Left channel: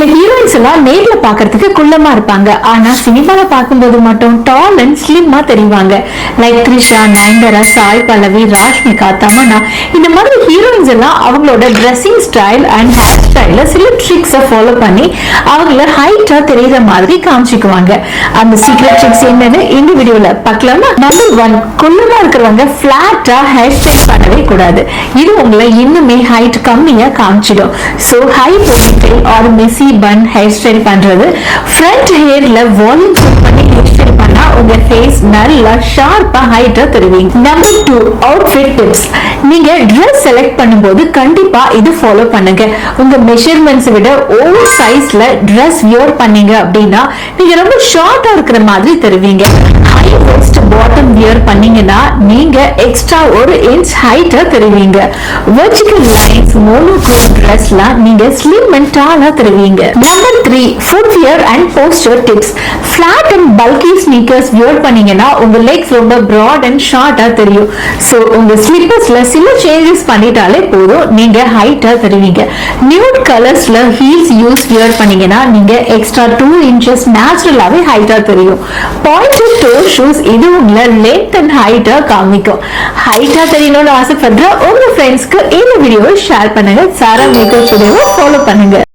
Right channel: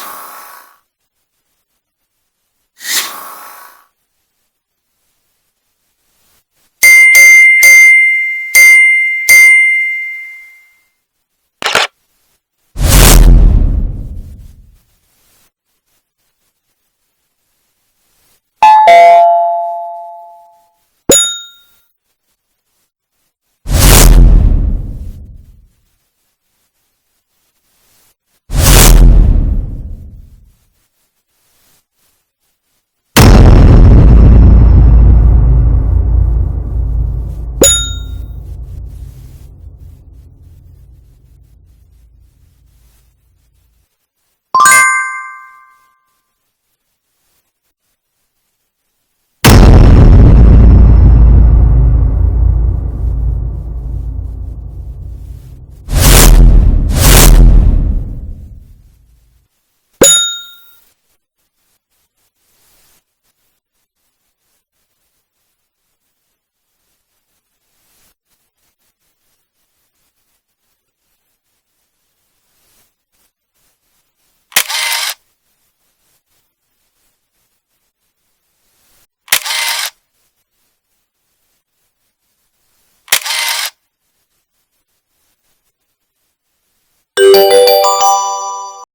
சில ஹீரோயின்ஸ் எல்லாம் நேர்ல பாக்குறதுக்கு குள்ளமா இருப்பாங்க, ஆனா சினிமால பார்க்கும்போது மட்டும் டால் அண்ட் ஸ்லிம்மா தெரிவாங்க. லைக் த்ரிஷா, நயன்தாரா, சாய் பல்லவி, ராஷ்மிகா, தமன்னா, இந்த மாதிரி ஹீரோயின்ஸ் எல்லாம் அவங்களோட ட்ரெஸ்ஸிங் ஸ்டைல் அண்ட் ஹேர் ஸ்டைல சில ட்ரிக்ஸை ஃபாலோ பண்ணி அவங்கள ஹைட்டா தெரியற மாதிரி காமிச்சுக்குவாங்க. அந்த சீக்ரெட் ட்ரிக்ஸ் என்னன்னு இந்த வீடியோல பார்க்கலாமா? நம்பர் 1, குள்ளமா இருக்கிறவங்க பிளாட்டா ஹேர் ஸ்டைல் பண்ணவே கூடாது. இது உங்களை இன்னுமே ஹைட் கம்மியா காமிச்சிடும். சோ ஹை போனிடெயில் ஆர் மெசி பன் ஹேர் ஸ்டைல் பண்றது, ஃப்ரண்ட் ஹேர்ல வால்யூம் பண்ணி ஹேர் ஸ்டைல் பண்ணா உங்க ஃபேஸ் நல்லா ஷார்ப்பா ஹைட்டா தருவீங்க. Number 2, outfit tips. நீங்க ட்ரெஸ் செலக்ட் பண்ணும்போது கண்டிப்பா இது ஃபாலோ பண்ணுங்க. உங்க மெஷர்மெண்ட்ஸ் விட ஓவர் சைஸ்ல ட்ரெஸ் வியர் பண்ணீங்க அப்படின்னா நீங்க ரொம்ப ஷார்ட்டா இருக்கிற மாதிரி தருவீங்க. ஹை வெஸ்ட் பாட்டம் வியர் பண்ணீங்கன்னா நீங்க எக்ஸ்ட்ரா 1 இன்ச் ஹைட்டா தருவீங்க. வெர்டிகல் லைன்ஸ் மோனோக்ரோம் ட்ரெஸ்ல நீங்க ஸ்லிம் அண்ட் டாலா தருவீங்க. Number 3, food wear and poster tips. Flat and bulky sneakers wear பண்ணீங்கன்னா உங்க லெக்ஸ் ரொம்ப பிராட் அண்ட் ஷார்ட்டா தெரியும். சோ உங்க ஸ்லிப்பர்ஸ்ல சில சேஞ்சஸ் பண்ணிட்டாலே போதும், நீங்க ஹைட்டா தருவீங்க. நியூட் கலர்ஸ்ல ஹீல்ஸ் வியர் பண்ணீங்கன்னா நீங்க எக்ஸ்ட்ரா 2 இன்ச்சஸ் நேச்சுரலாவே ஹைட்டா தெரியும். பாயிண்டட் டோ ஷூஸ் இது உங்களை லென்த் அண்ட் ஹைட்டா காமிக்கும். ஹைட்டா தெரியணும்னு ஆசைப்படுற உங்க ஃப்ரெண்ட்ஸ்க்கு இந்த வீடியோவை ஷேர் பண்ணுங்க. சாரா மேக்கப் வீடியோவை ஃபாலோ பண்ணுங்க.